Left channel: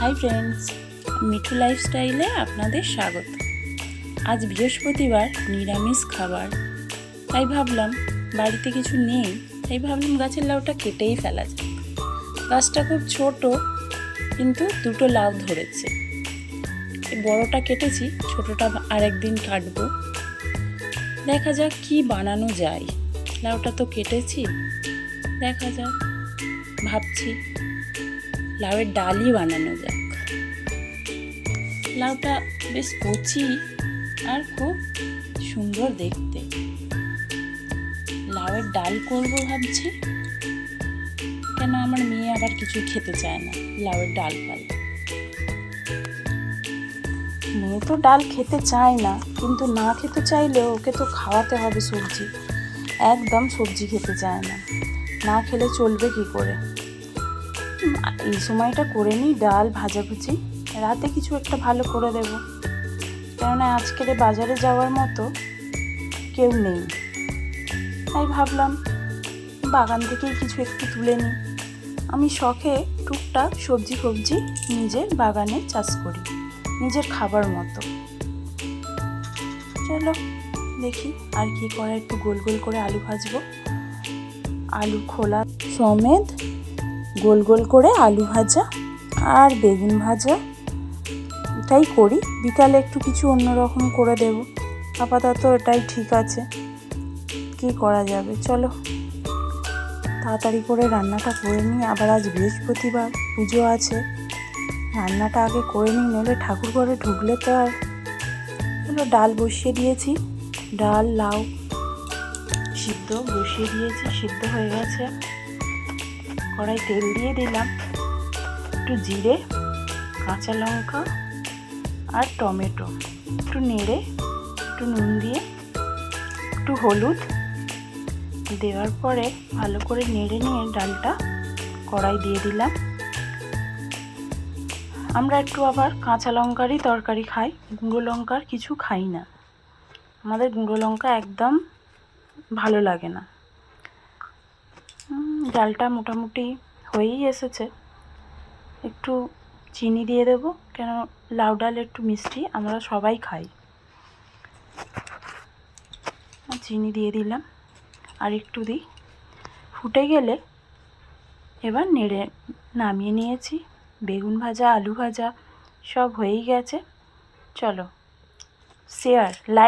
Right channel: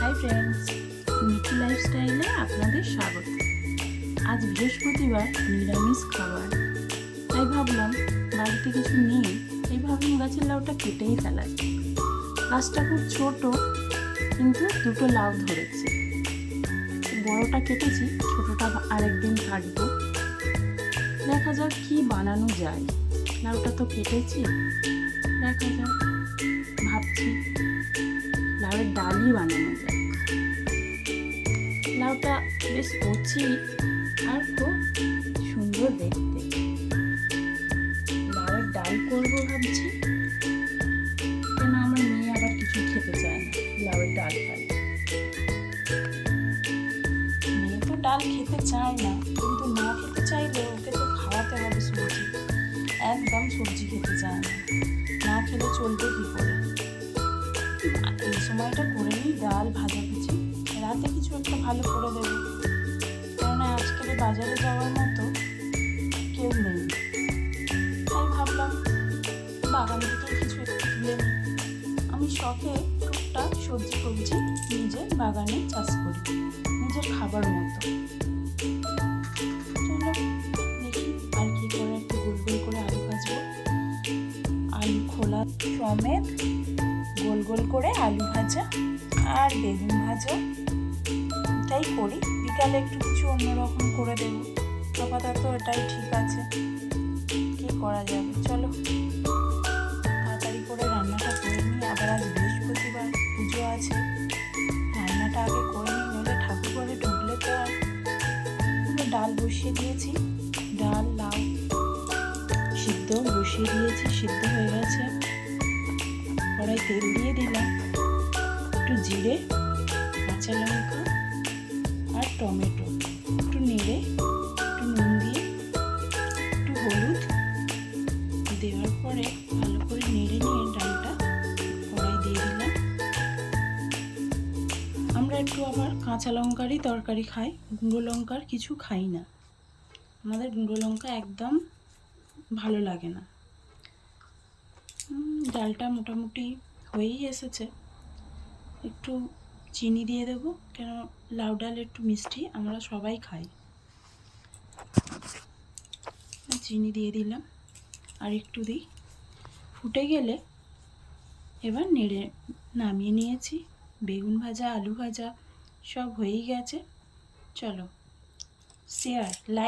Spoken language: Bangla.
হাই ফ্রেন্ডস, মিঠু লাইফস্টাইলে আপনাদের স্বাগত। আজ বৃহস্পতিবার, নিরামিষ খাবার, তাই ভাবলাম বাড়িতে কিছু নেই, তাই ভাবলাম গাছের লাউটা কেটেই ফেলা যায়। গাছটা খুব ছোট, কিন্তু দুটো লাউ ধরেছে। এই বড়টা কেটেছি, ছোটটা আরেকদিন কাটবো। দেখা যাক কি বানানো যায়। লাউটা তো কেটেছি, দেখা যাক। ভাবছি লাউয়ের ডালই বানানো যাক। লাউটা বেশ কচি আর খুব সুন্দর দেখতে। লাউয়ের ডাল করব ভাবছি, কেন আমার মেয়ে আবার কিছু খেতে চায় না লাউয়ের ডাল ফাল। মেয়ে তো ডাল খেতে চায় না, কিন্তু না খেতে চাইলে ওকে তো খাওয়াতে হবে সবজি। একদম সবজি খেতে চায় না, না খেলে চলবে কি করে। এই সময়টা করে নিই ডাল ভাজাভুজি, রাতে কিছু একটা ভালো করে দেবো, কেননা আজকের বাজারে যাওয়ার মতো কেউ নেই। তাই ভাবলাম বাগান থেকেই কিছু একটু তুলে নিই। আমি শখে টুকটাক সবজি ফবজি নিজের বাগানে চাষ করি, নিজের খাবার মতো। চলো দেখি আর কি করে। একটু গোল গোল করে আলু ভাজবো, আলু খোলা সমেত গোল গোল করে আলু ভাজা আর বেগুন ভাজা, এটাই করি। বিকালে একটু কিছু অন্যরকম করে দেব, আপাতত এটাই ঠিক আছে। কি করা যাবে, চলো তাড়াতাড়ি করে রান্নাটা করে নিই। আবার আজ বৃহস্পতিবার, পুজো আছে, রান্নাটা আগে করে নিই, নইলে ঠাকুর ঘরে ঢুকলে তো আর। ডাল বসিয়ে দিয়েছি, ডাল লাউ সিদ্ধ বসিয়ে দিয়েছি, সিদ্ধ হয়ে গেছে। কড়াই তেল দিয়ে দিলাম, একটু জিরে, কাঁচা লঙ্কা আর টমেটো, একটু নেড়ে, একটু নুন দিয়ে, একটু হলুদ দেওয়ার পরে ভালো করে নেড়ে নিয়ে ডালটা কড়াই দিয়ে দিলাম। আমরা একটু আবার কাঁচা লঙ্কারই তরকারি খাই, গুঁড়ো লঙ্কার কিছু খাই না। আমাদের গুঁড়ো লঙ্কা একদম ভালো লাগে না। ডালটা মোটামুটি হয়েই এসেছে, একটু চিনি দিয়ে দেবো, কেন লাউ ডাল একটু মিষ্টি আমরা সবাই খাই। চিনি দিয়ে দিলাম, আর একটু দিই। ফুটে গেলে এবার নেড়ে নামিয়ে নিয়েছি। বেগুন ভাজা আলু ভাজা সব হয়েই গেছে। চলো শেয়ার লাইক